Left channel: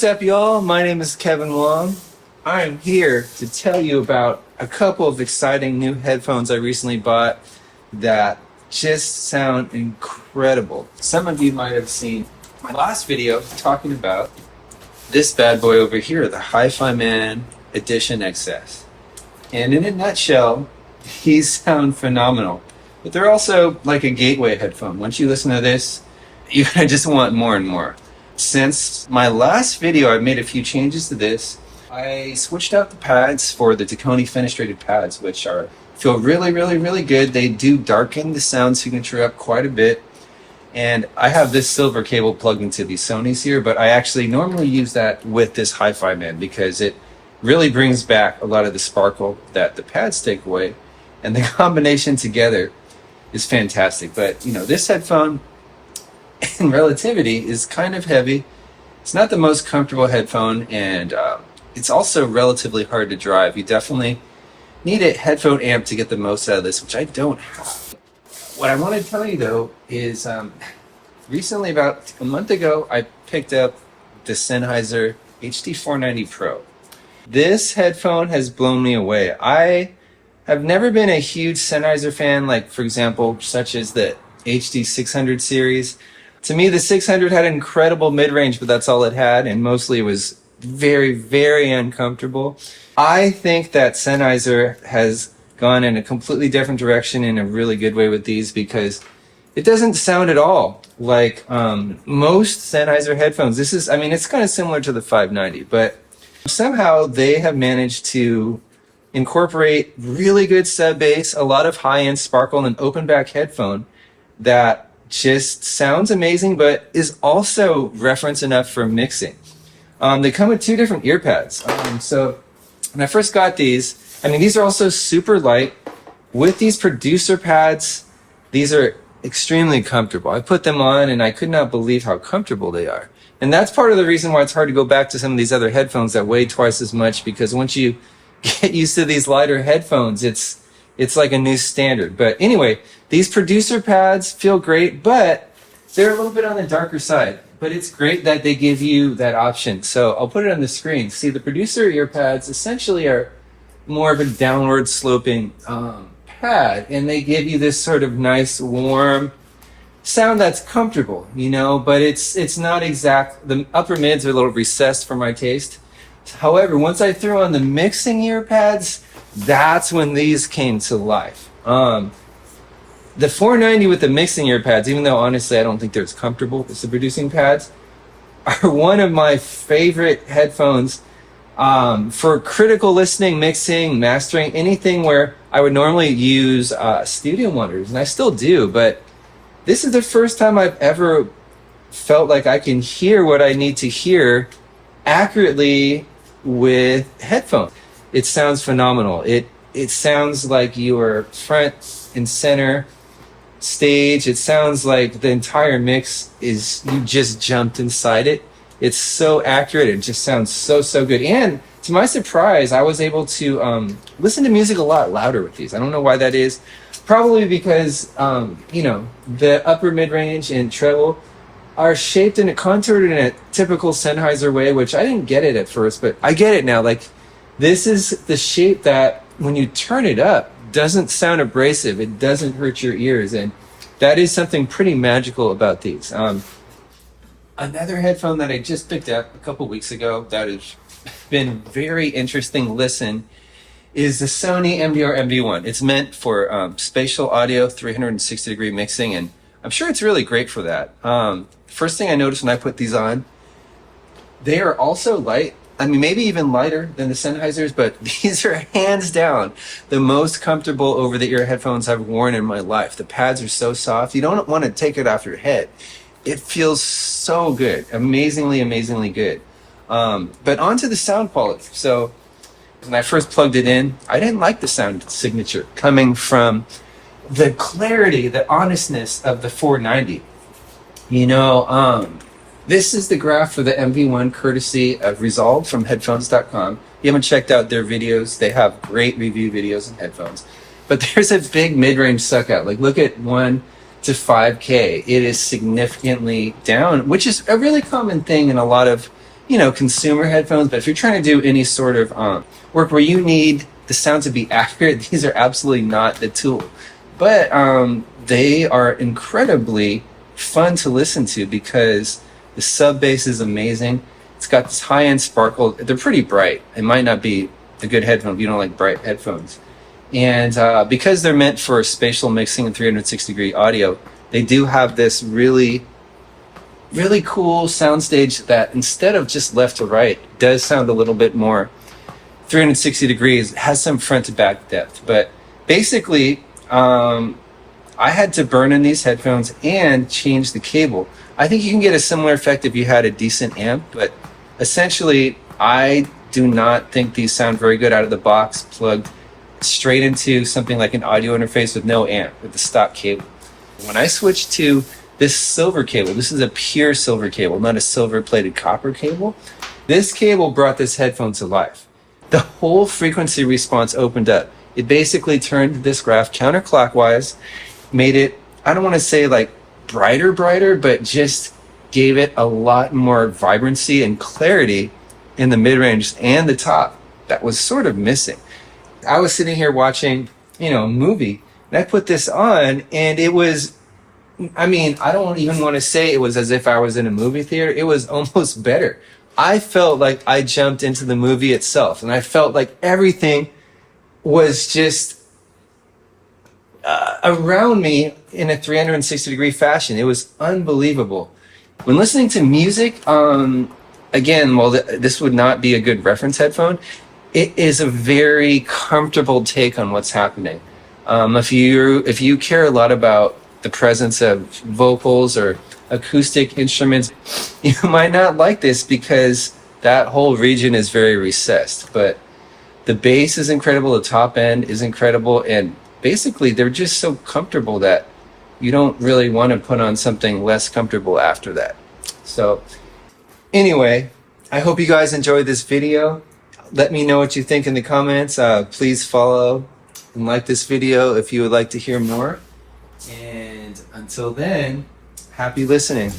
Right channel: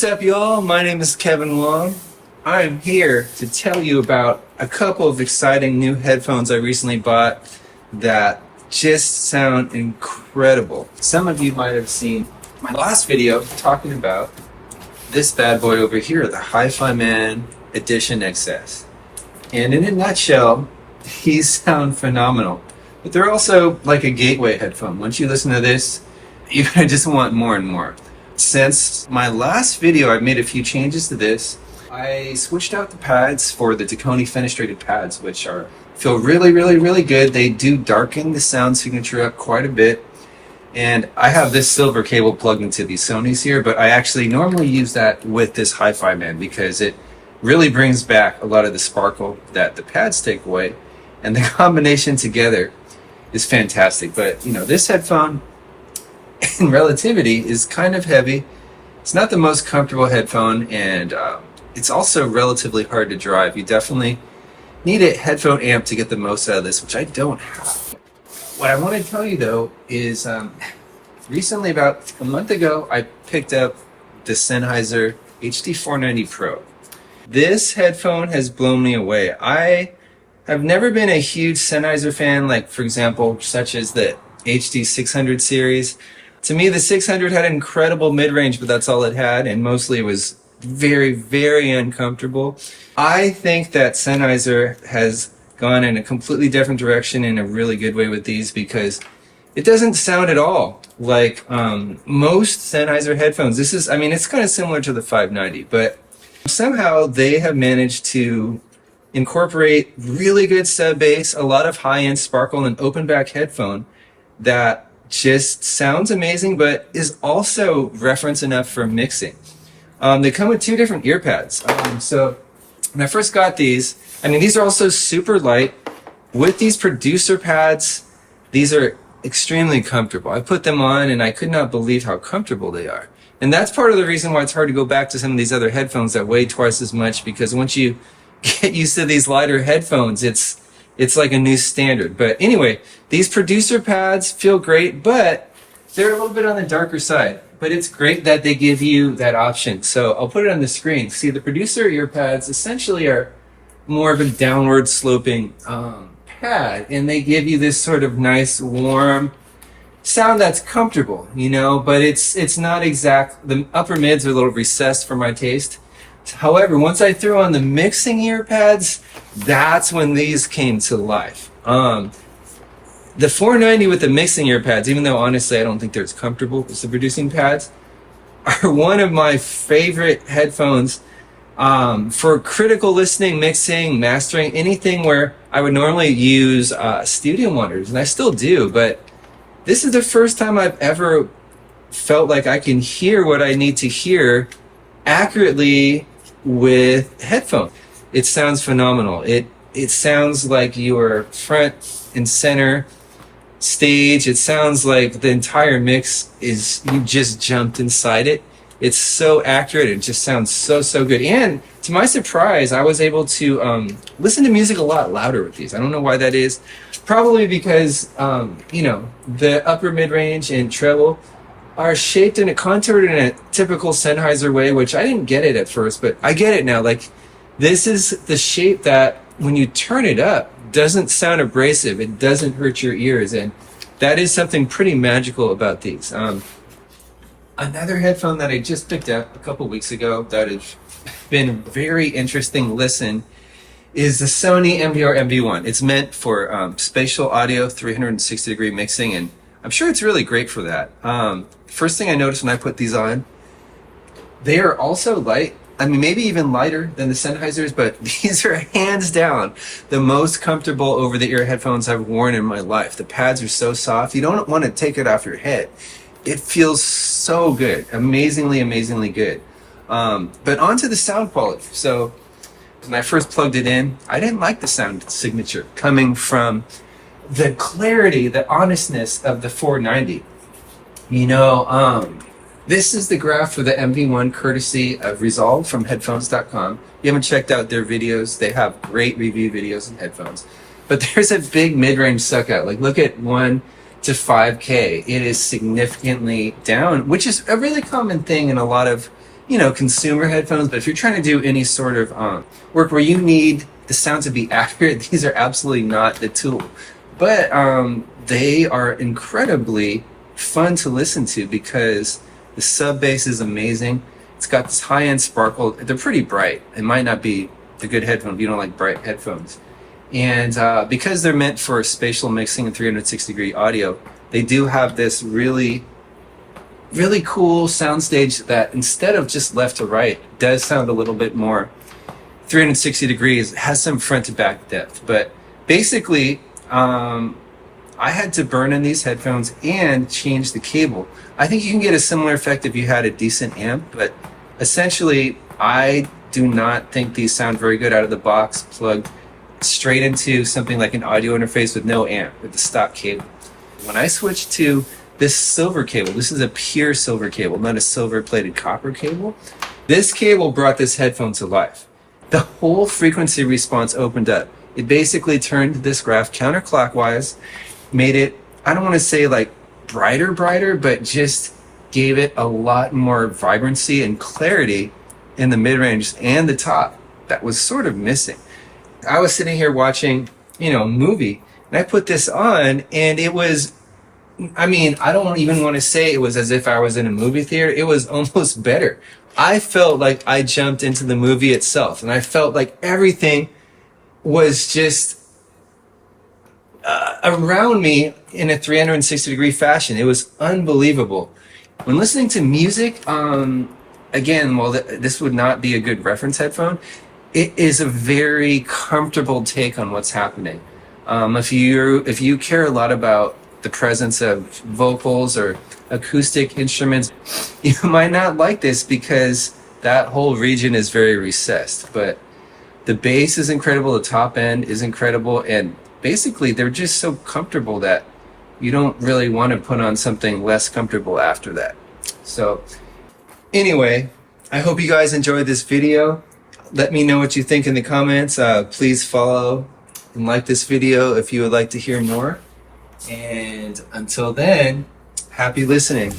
What's up, y'all? My name is Kevin Wong. I'm here to tell you about a couple of exciting new headphones I recently bought that just sound incredible. Some of you might have seen my last video talking about this bad boy over here, the Hifiman Edition XS. And in a nutshell, these sound phenomenal. But they're also like a gateway headphone. Once you listen to this, you're gonna just want more and more. Since my last video, I made a few changes to this. I switched out the pads for the Tacony fenestrated pads, which feel really, really, really good. They do darken the sound signature up quite a bit. And I have this silver cable plugged into these Sonys here, but I actually normally use that with this Hifiman because it really brings back a lot of the sparkle that the pads take away. And the combination together is fantastic. But, you know, this headphone in relativity is kind of heavy. It's not the most comfortable headphone, and it's also relatively hard to drive. You definitely need a headphone amp to get the most out of this, which I don't have. What I want to tell you though is recently, about a month ago, I picked up the Sennheiser HD490 Pro. This headphone has blown me away. I have never been a huge Sennheiser fan, like for example, such as the HD600 series. To me, the 600 had incredible mid-range, but that's all it had, and mostly it was very, very uncomfortable. I think that Sennheiser has gone in a completely different direction in a really good way with these because it doesn't sound at all like most Sennheiser headphones. This is, I mean, it's kind of similar to the 590, but somehow they have managed to incorporate really good sub bass, a lot of high-end sparkle, and open back headphone that just sounds amazing, but is also reference enough for mixing. They come with two different ear pads. So when I first got these, I mean, these are also super light. With these producer pads, these are extremely comfortable. I put them on and I could not believe how comfortable they are. And that's part of the reason why it's hard to go back to some of these other headphones that weigh twice as much, because once you get used to these lighter headphones, it's like a new standard. But anyway, these producer pads feel great, but they're a little bit on the darker side. But it's great that they give you that option. So I'll put it on the screen. See, the producer ear pads essentially are more of a downward sloping pad, and they give you this sort of nice, warm sound that's comfortable, you know, but it's not exact. The upper mids are a little recessed for my taste. However, once I threw on the mixing ear pads, that's when these came to life. The 490 with the mixing ear pads, even though honestly I don't think they're as comfortable as the producing pads, are one of my favorite headphones for critical listening, mixing, mastering, anything where I would normally use studio monitors, and I still do, but this is the first time I've ever felt like I can hear what I need to hear accurately with headphones. It sounds phenomenal. It sounds like you're front and center stage. It sounds like the entire mix is, you just jumped inside it. It's so accurate. It just sounds so, so good. And to my surprise, I was able to listen to music a lot louder with these. I don't know why that is. Probably because, you know, the upper mid-range and treble are shaped and contoured in a typical Sennheiser way, which I didn't get it at first, but I get it now. Like, this is the shape that when you turn it up, doesn't sound abrasive. It doesn't hurt your ears, and that is something pretty magical about these. Another headphone that I just picked up a couple weeks ago that has been very interesting listen is the Sony MDR-MV1. It's meant for spatial audio, 360-degree mixing, and I'm sure it's really great for that. First thing I noticed when I put these on, they are also light. I mean, maybe even lighter than the Sennheisers, but these are hands down the most comfortable over-the-ear headphones I've worn in my life. The pads are so soft. You don't want to take it off your head. It feels so good. Amazingly, amazingly good. But onto the sound quality. So when I first plugged it in, I didn't like the sound signature coming from the clarity, the honestness of the 490. You know, this is the graph for the MV1 courtesy of Resolve from headphones.com. If you haven't checked out their videos, they have great review videos on headphones. But there's a big mid-range suck out. Like, look at 1 to 5K. It is significantly down, which is a really common thing in a lot of consumer headphones, but if you're trying to do any sort of work where you need the sound to be accurate, these are absolutely not the tool. But they are incredibly fun to listen to because the sub bass is amazing. It's got this high-end sparkle. They're pretty bright. It might not be a good headphone if you don't like bright headphones. And because they're meant for spatial mixing and 360-degree audio, they do have this really, really cool soundstage that instead of just left to right, does sound a little bit more 360 degrees, has some front to back depth. But basically, I had to burn in these headphones and change the cable. I think you can get a similar effect if you had a decent amp, but essentially, I do not think these sound very good out of the box, plugged straight into something like an audio interface with no amp, with the stock cable. When I switched to this silver cable, this is a pure silver cable, not a silver plated copper cable. This cable brought this headphone to life. The whole frequency response opened up. It basically turned this graph counterclockwise, made it, I don't want to say like brighter, but just gave it a lot more vibrancy and clarity in the mid-range and the top that was sort of missing. I was sitting here watching, a movie, and I put this on, and it was, I don't even want to say it was as if I was in a movie theater. It was almost better. I felt like I jumped into the movie itself, and I felt like everything was just around me in a 360-degree fashion. It was unbelievable. When listening to music, again, while this would not be a good reference headphone, it is a very comfortable take on what's happening. If you care a lot about the presence of vocals or acoustic instruments, you might not like this because that whole region is very recessed. But the bass is incredible, the top end is incredible, and basically they're just so comfortable that you don't really want to put on something less comfortable after that. So anyway, I hope you guys enjoyed this video. Let me know what you think in the comments. Please follow and like this video if you would like to hear more. And until then, happy listening.